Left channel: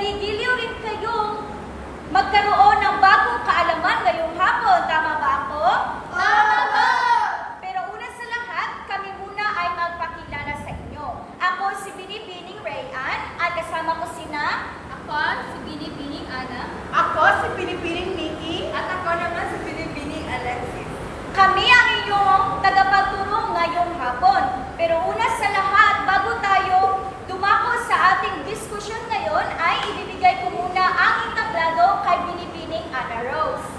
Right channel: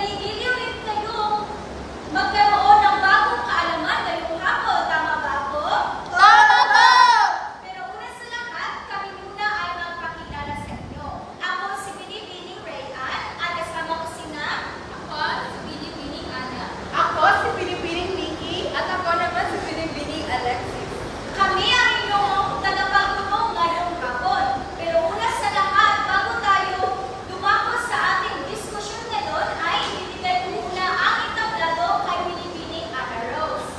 Nagigiliw rin kayong magkaroon ng bagong kaalaman ngayong hapon. Tama ba ako? Tama po! Pero una sa lahat, kami muna ay magpakilala sa inyo. Ako si Binibining Rayan at kasama ko sina. Ako si Binibining Ana. Ako si Binibining Nikki. At ako naman si Binibining Alexis. Kami ang inyong tagapagtulong ngayong hapon. Pero una sa lahat, bago tayo dumako sa ating diskusyon ngayon, ay ibibigay ko muna ang entablado kay Binibining Ana Rose.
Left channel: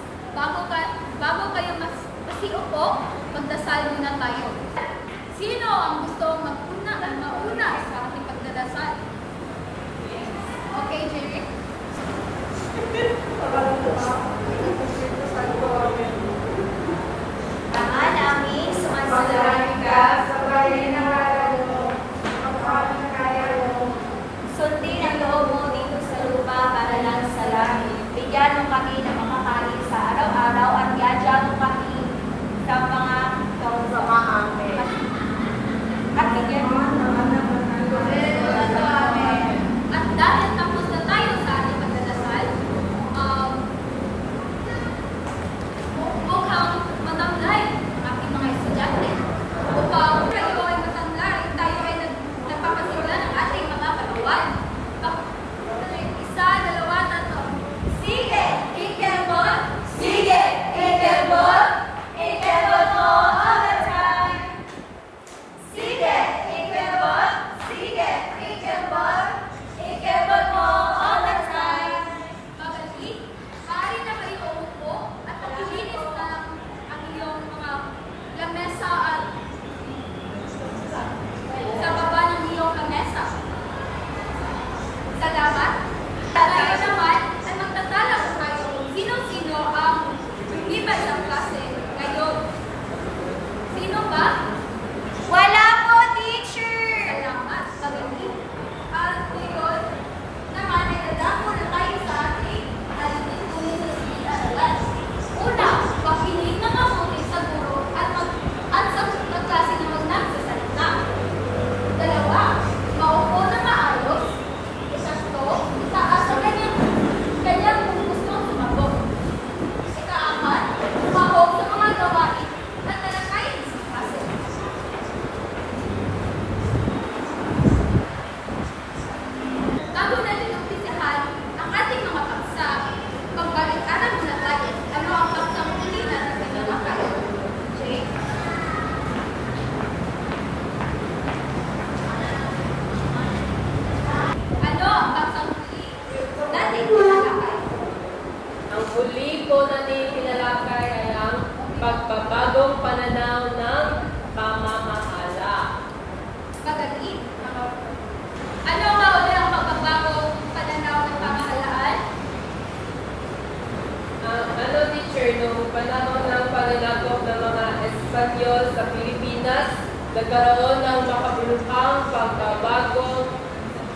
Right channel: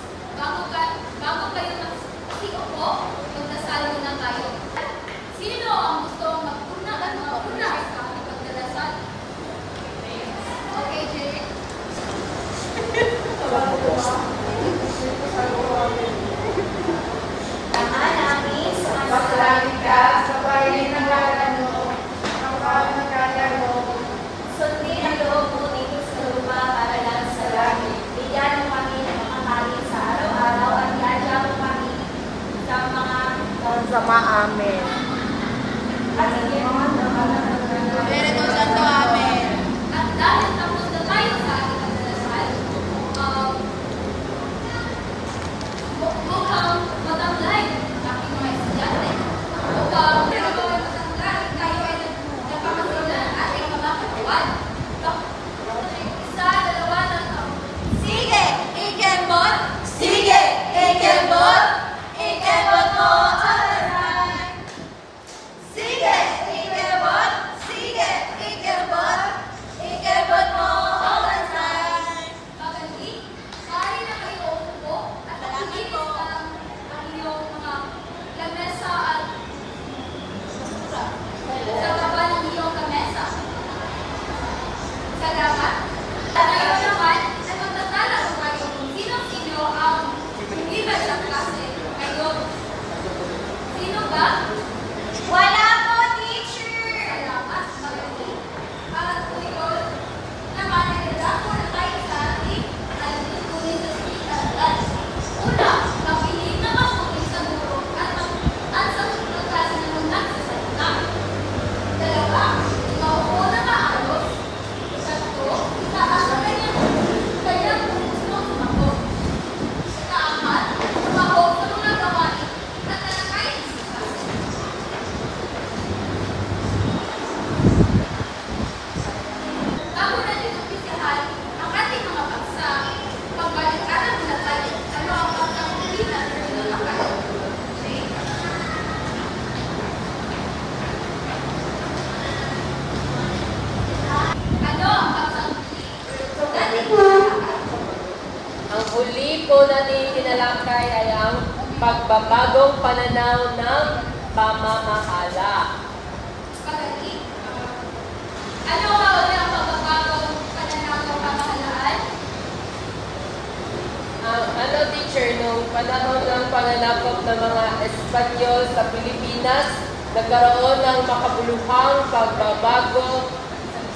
Bago kayo masiupo, magdasal muna tayo. Sino ang gustong mauna sa ating pagdadasal? Okay, Jeric? Ama namin, Masalangit ka, sabayin ng ngalan mo, magpapagkaya mo. sundin ang loob mo dito sa lupa para lang sa langit. Bigyan mo kami ng makain sa araw-araw at iadya mo kami sa mga Sama amin. at bigyan mo Espiritu Santo, amen. At dahil tapos na tayo sa ating pagdadasal, mukhang matamlay ang aking mga estudyante. Upang ikaw ay matamlay, tayo ay nagpapasimula ng ating mga pagkuhan. Isa, dalawa, tatlo. Sige, ikembot! Sige, ikembot! Ikembot mo all the time! Sige, ikembot! Sige, ikembot! Ikembot mo all the time! Magali, maaari na kayo umupo at pagpilitis ang iyong mga lamesa at sa baba ng iyong lamesa. Salamat. At ngayon naman ay magtatala ko tayo kung sino-sino ang lumibad sa klase ngayon. Sino ba? Wala po, teacher! Salamat. Magali. At ngayon naman ay dadako na tayo sa ating alikunin sa silitaran. Una, makinig na mabuti sa guro at sa tutunong klase naman nagsasalita. Dalawa, maupo na maayos. Tatlo, itaas ang kanyang kung gusto sumagot. Ikaapat, tumahog sa mga gawain at talakayin sa klase. Bago natin umpisahan ang ating mga paksa, pagbalik-aral muna tayo ano ang paksang huli na tinatapakain. Okay? Ano ang paksang huli nating tinatapakain? Ang huli po natin tinalakay ay ang pagbabagong pananaw ng pamamahala. Kagali. Ano nga uli ang pagbabagong pananaw ng pamahalaan? Ano teacher, nung panahon ng panlalakop ng mga Espanyol sa Pilipinas, nagkaroon ng makabuluhang pagbabago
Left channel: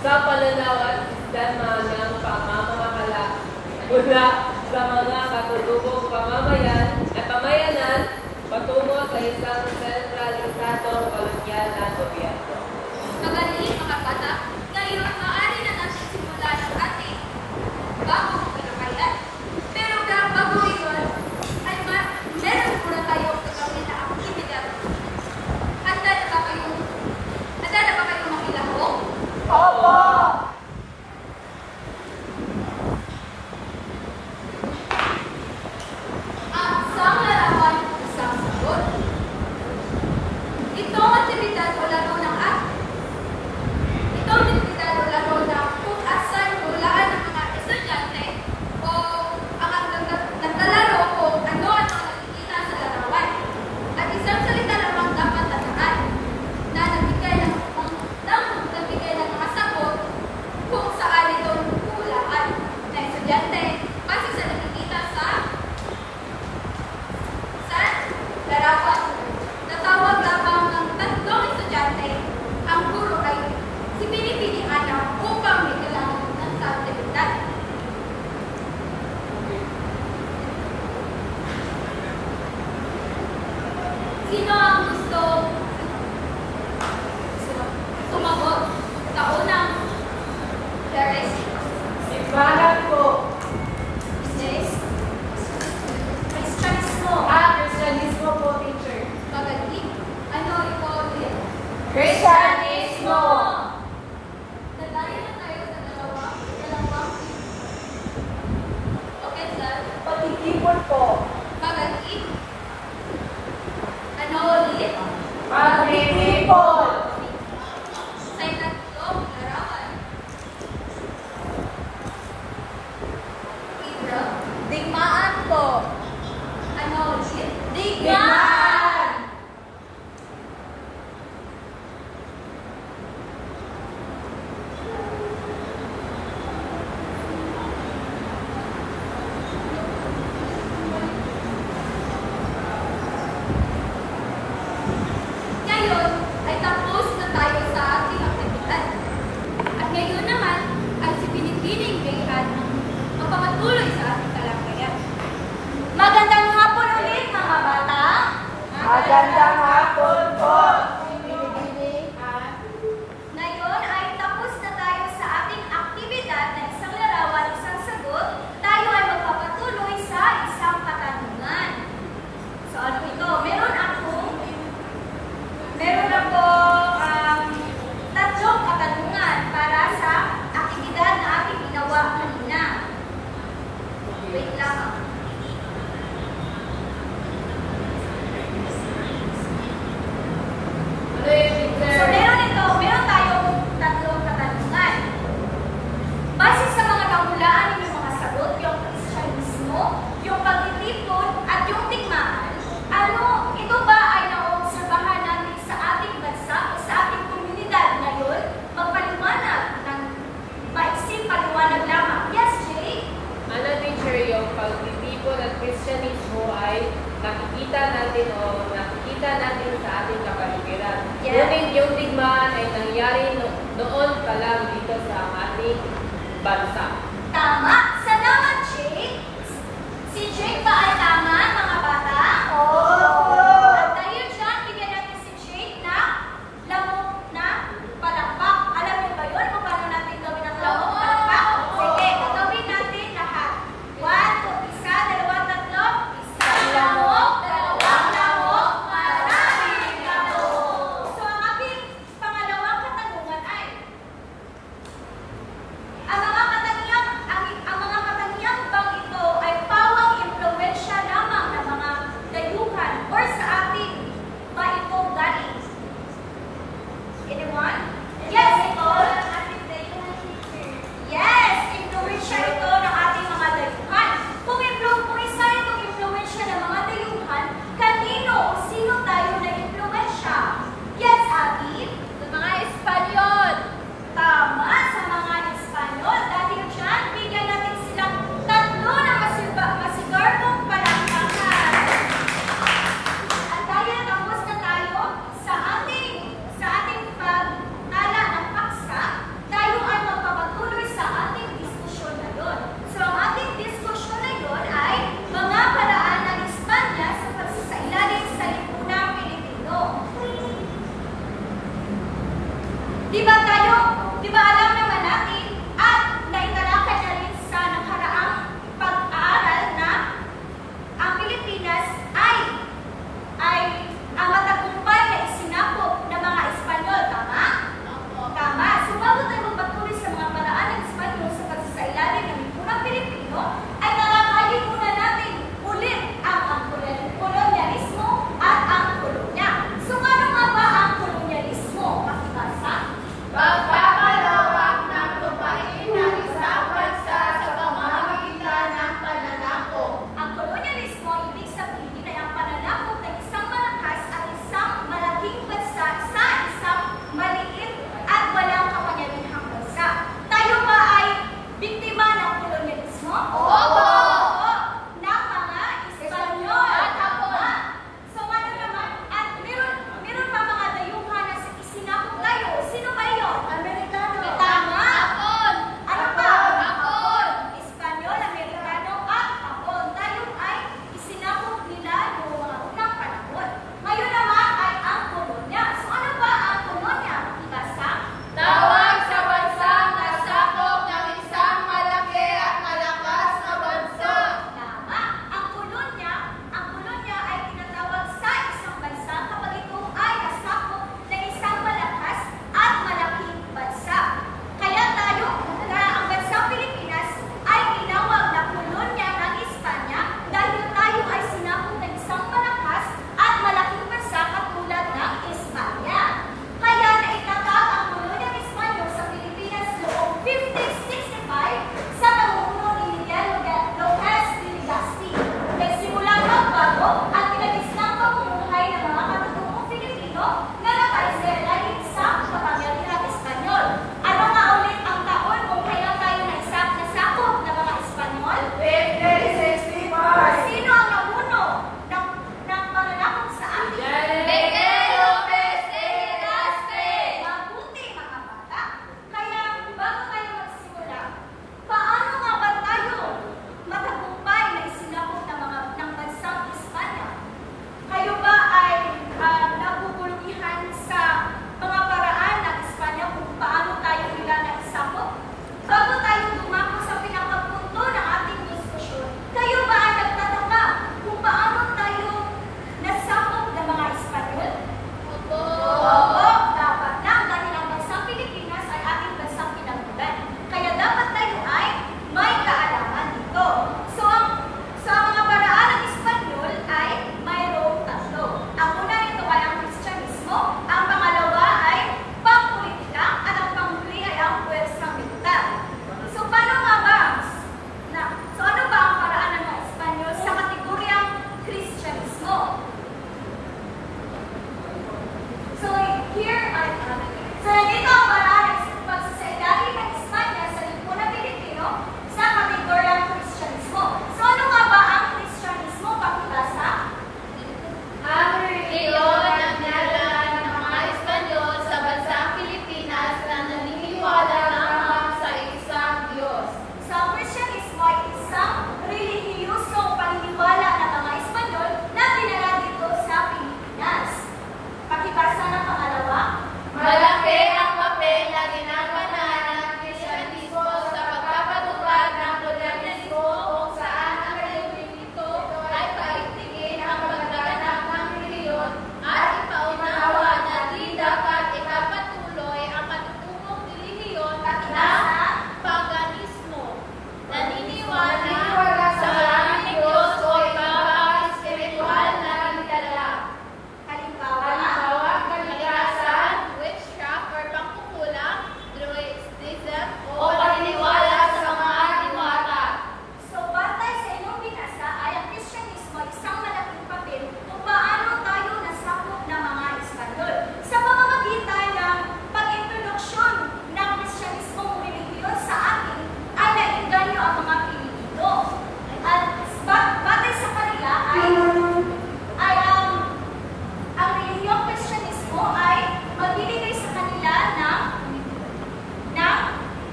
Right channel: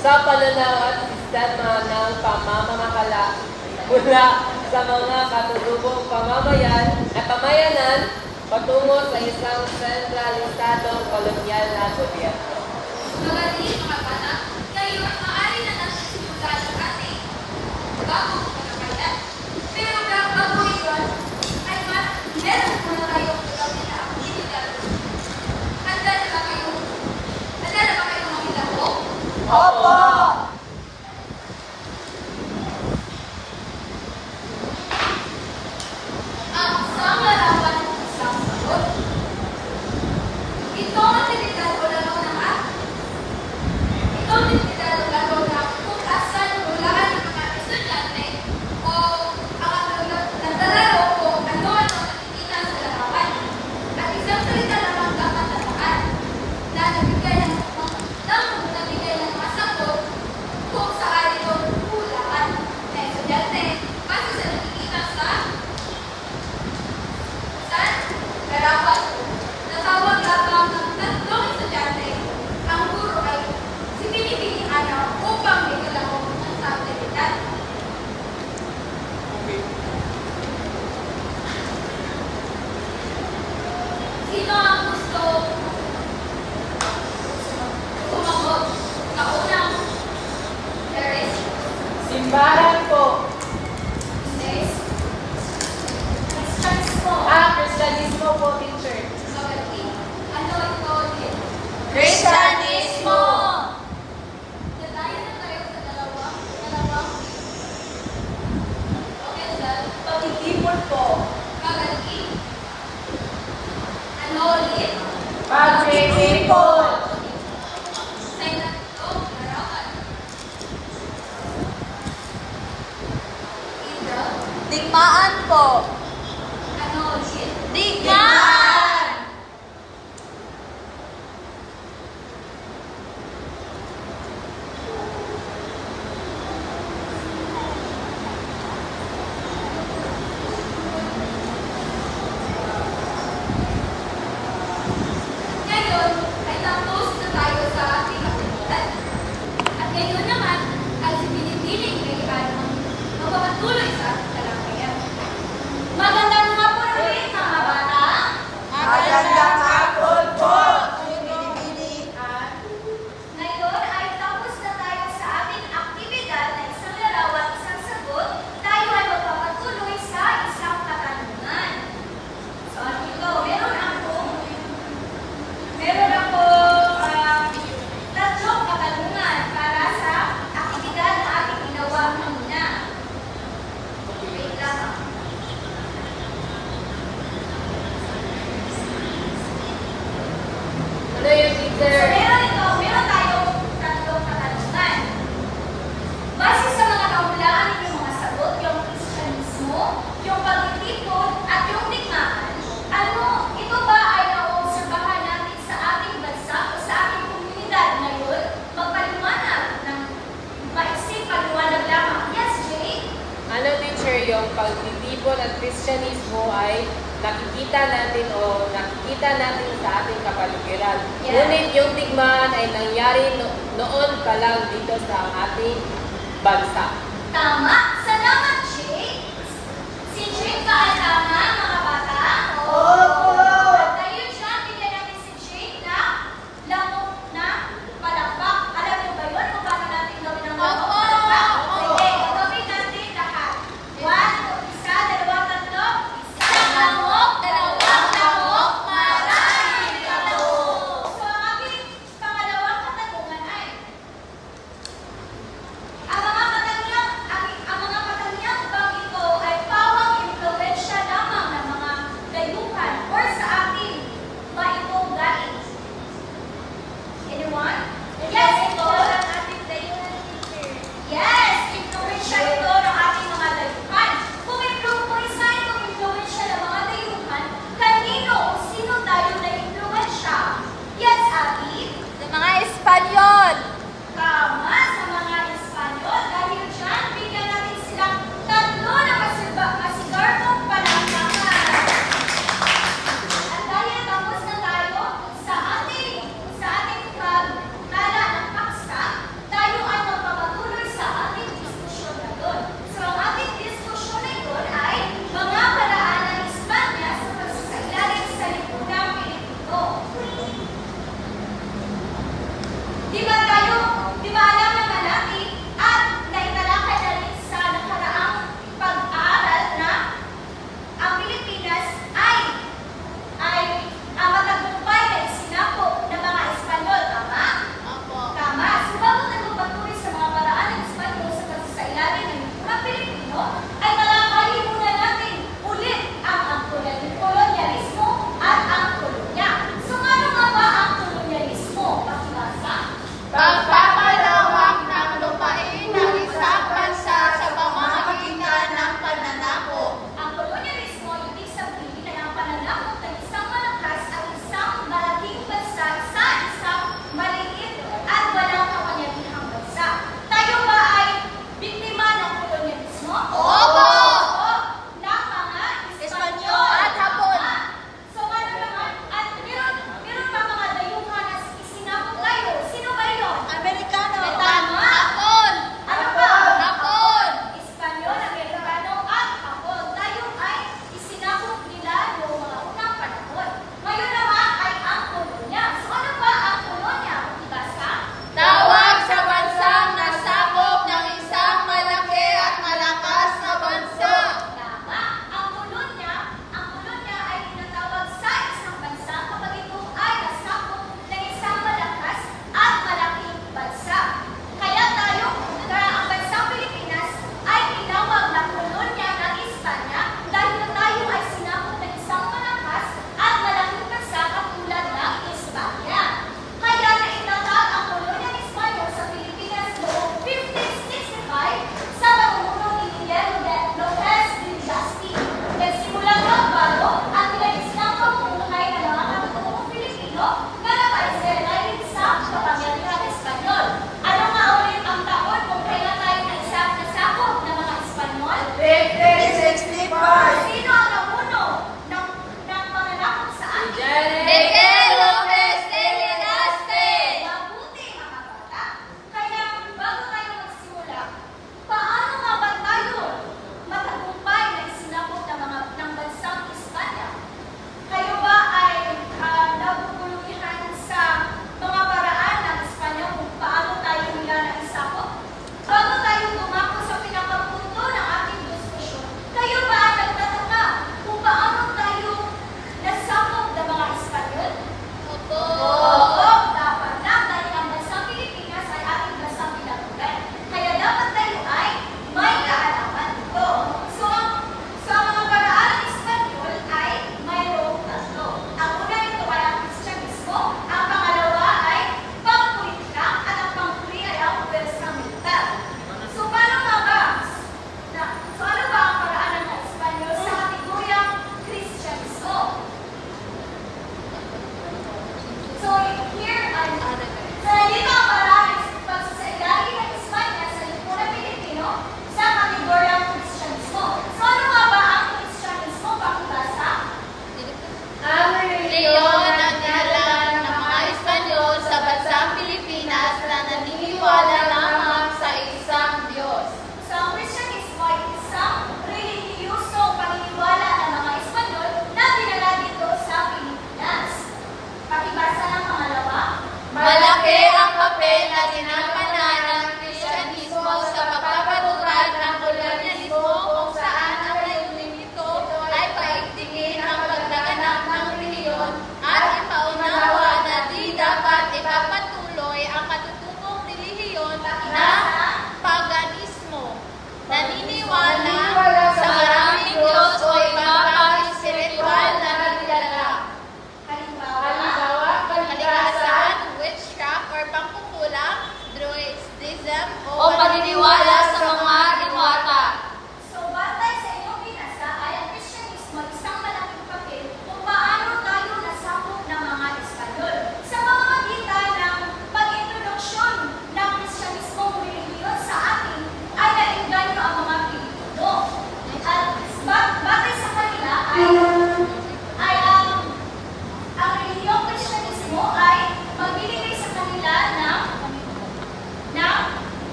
sa pananaw at sistema ng pamamahala mula sa mga katutubong pamayanan patungo sa isang sentralisado kolonyal na gobyerno. Magaling mga bata, ngayon maaari na natin simulan ang ating bagong kalakayan. Pero bago yun, ay meron muna tayong gagawin na aktibidad. Handa na ba kayong makilaro? Opo! Simbahan po. Sis? Kristiyanismo. Kristiyanismo po, teacher. Magaling. Ano ito ulit? Kristiyanismo. Natayo na tayo sa dalawang. Okay, sir. Pagtitipon po. Magaling. Ano ulit? Pagtitipon. Sa inatlong larawan. Ito. Digmaan po. Ano ulit? Digmaan! Ngayon ay tapos na tayo sa ating aktibidad. At ngayon naman ay si Pinipiling Gayaan ang magpapatuloy sa ating talakayan. Magandang hapon ulit, mga bata. Magandang hapon po. Ngayon ay tapos na tayo sa ating aktibidad na isang larawan, isang sagot. Tayo ay magpapatuloy sa isang katanungan. So, ano ito? Meron akong tatlong katanungan para sa aktibidad na ating ginawa kanina. Wait lang. Ano yung So, teacher? meron tayong tatlong katanungan. Base sa mga kahulaan ng mga sagot, yung Kristiyanismo, yung pagtitipon, at yung digmaan, ito ba ay naobserbahan natin sa ating bansa o sa ating komunidad ngayon? Magpaliwanag ng maiksing paliwanag lamang. Yes, Jay? Ano teacher yung pagtitipon at Kristyanismo ay nakikita natin sa ating kapaligiran. Yeah. Ngunit yung digmaan ay nangyari noon pa lang dito sa ating bansa. Tama. Salamat, Jay. Si Jay ba ay tama, mga bata? At tayo dyan, bigyan natin si Jay na lamok na palakpak. Alam niyo ba yun kung paano natin gawin ang lamok na palakpak? Sige, gawin natin lahat. 1, 2, isa, dalawa, tatlo. Isang lamok, dalawang lamok, maraming lamok. So, ang ating pangalawang katanungan ay, ang mga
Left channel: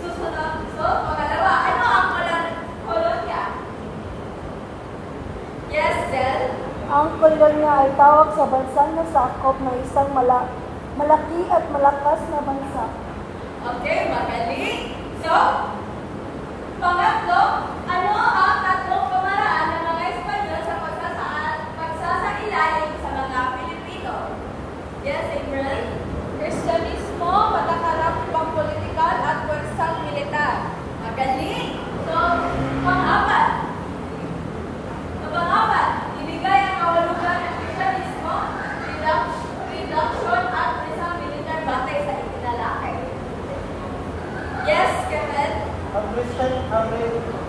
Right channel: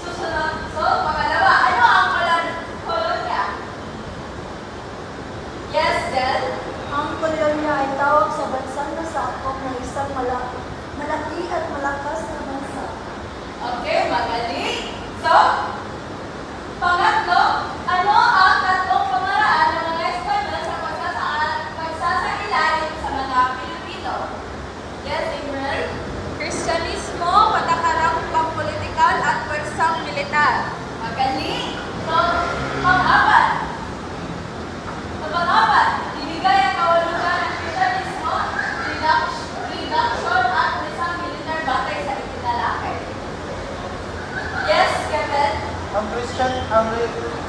susunod. So, pangalawa, ano ang kolonya? Yes, Del? Ang kolonya ay tawag sa bansang nasakop ng isang malaki at malakas na bansa. Okay, magaling. So, pangatlo, ano ang tatlong pamaraan ng mga Espanyol sa pagsasailalim sa mga Pilipino? Yes, April? Kristyanismo, patakaran pampolitikal at pwersang militar. Magaling. So, pang-apat. Sa pang-apat, ibigay ang kahulugan ng Kristyanismo, reduction at isang militar batay sa itinalakay. Yes, Kevin?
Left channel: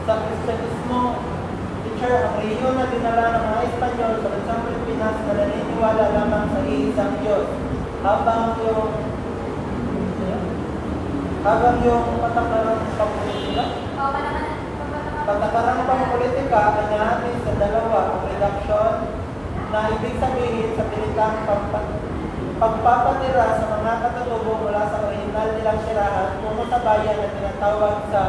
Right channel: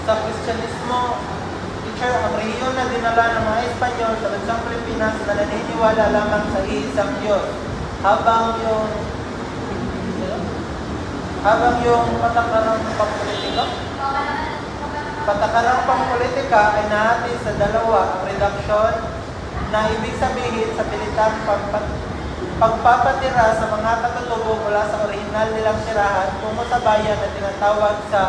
Sa Kristyanismo, teacher, ang relihiyon na dinala ng mga Espanyol sa bansang Pilipinas na naniniwala lamang sa iisang Diyos. Habang yung patakaran ng pampolitika ay nahati sa dalawa, reduction, na ibig sabihin sa militar pagpapatira sa mga katatubo mula sa orihinal nilang tirahan tungo sa bayan na tinatawag sa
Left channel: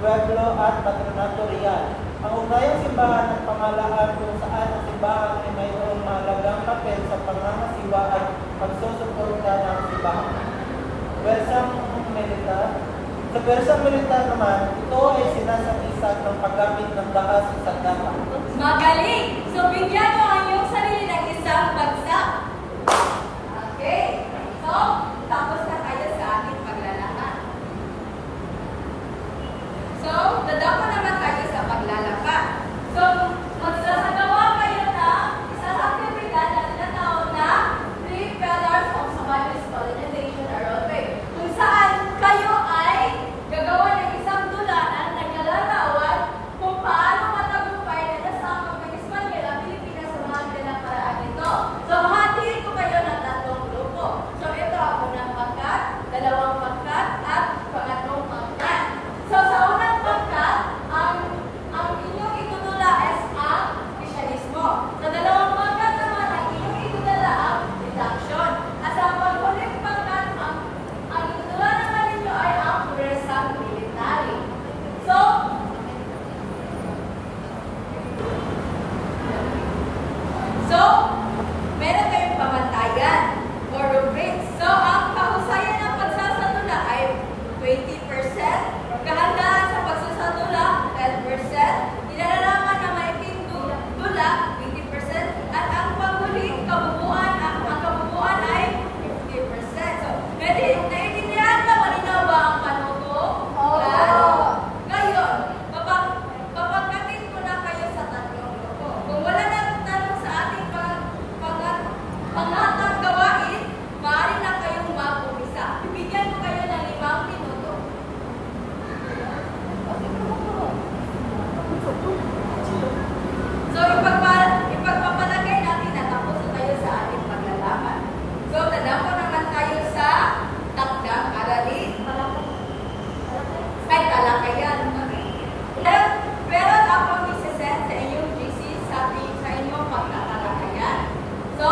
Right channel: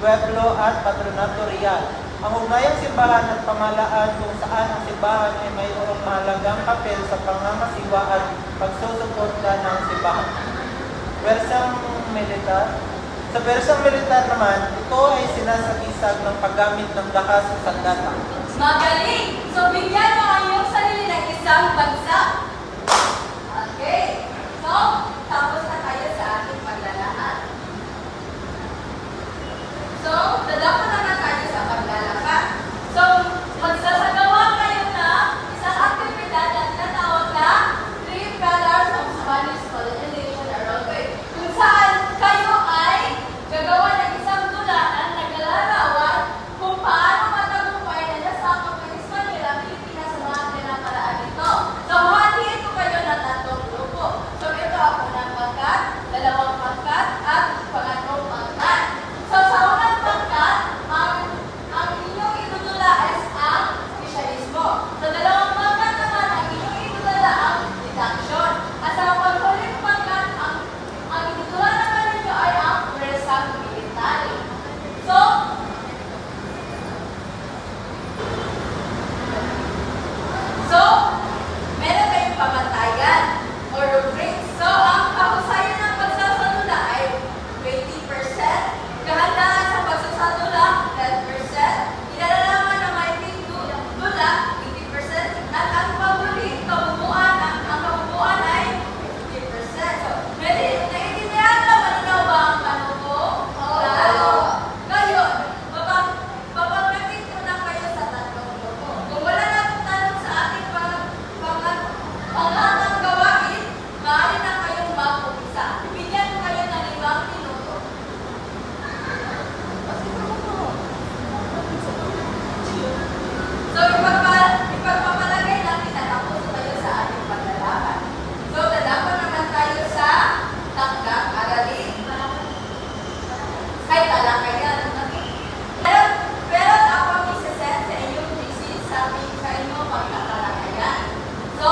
pueblo at patronato real. Ang ugnayang simbahan at pamahalaan kung saan ang simbahan ay mayroong mahalagang papel sa pangangasiwa at pagsusuporta ng simbahan. Sa bersang militar naman, ito ay sinasagisa ng paggamit ng lakas sa sandata. Magaling! So, bigyan mo ang iyong sarili ng isang bagsak. Okay. So, tapos na tayo sa ating paglalakad. So, dadako naman tayo sa paglalakad. So, magsasagawa kayo na isang aktibidad na tinatawag na 3 Pillars of Spanish Colonization Aerobic. Kung saan kayo ay gagawa ng isang tula na naglalarawan kung paano matagumpay na nasakop ng Espanyol ang Pilipinas sa mga tinakaraan nito. So, hatiin ko kayo ng tatlong grupo. So, ito ang unang pangkat, dalawang pangkat, at pangatlong pangkat. So, sa unang pangkat, ang inyong itutula is ang Kristyanismo. Sa dalawang pangkat naman, ang inyong itutula ang reduction. At sa panghuling pangkat, ang itutula naman nito ay ang pwersang military. So, meron kayong pamantayan or rubrics. So, ang kahusayan ng pagsasalula ay 20%, kahandaan sa pagsasalula 10%, inalalaman ng maiting tula 20%, at ang panghuling kabubuan ay 50%. So, naiintindihan ba malinaw ba ang panuto? Ngayon, papagkatin ko na kayo sa tatlong grupo. Kung wala na tanong sa ating pangatang gawain, maaari na kayong mag-umpisa. Bibigyan ko kayo ng 5 minuto. So, ipagpapalagay natin na tapos tayo sa ating paglalakad. So, dadako naman tayo sa takdang aralin. Ay, talakayan. Pero ako misasend sa inyong thesis sa inyong pagkatalakayan. So,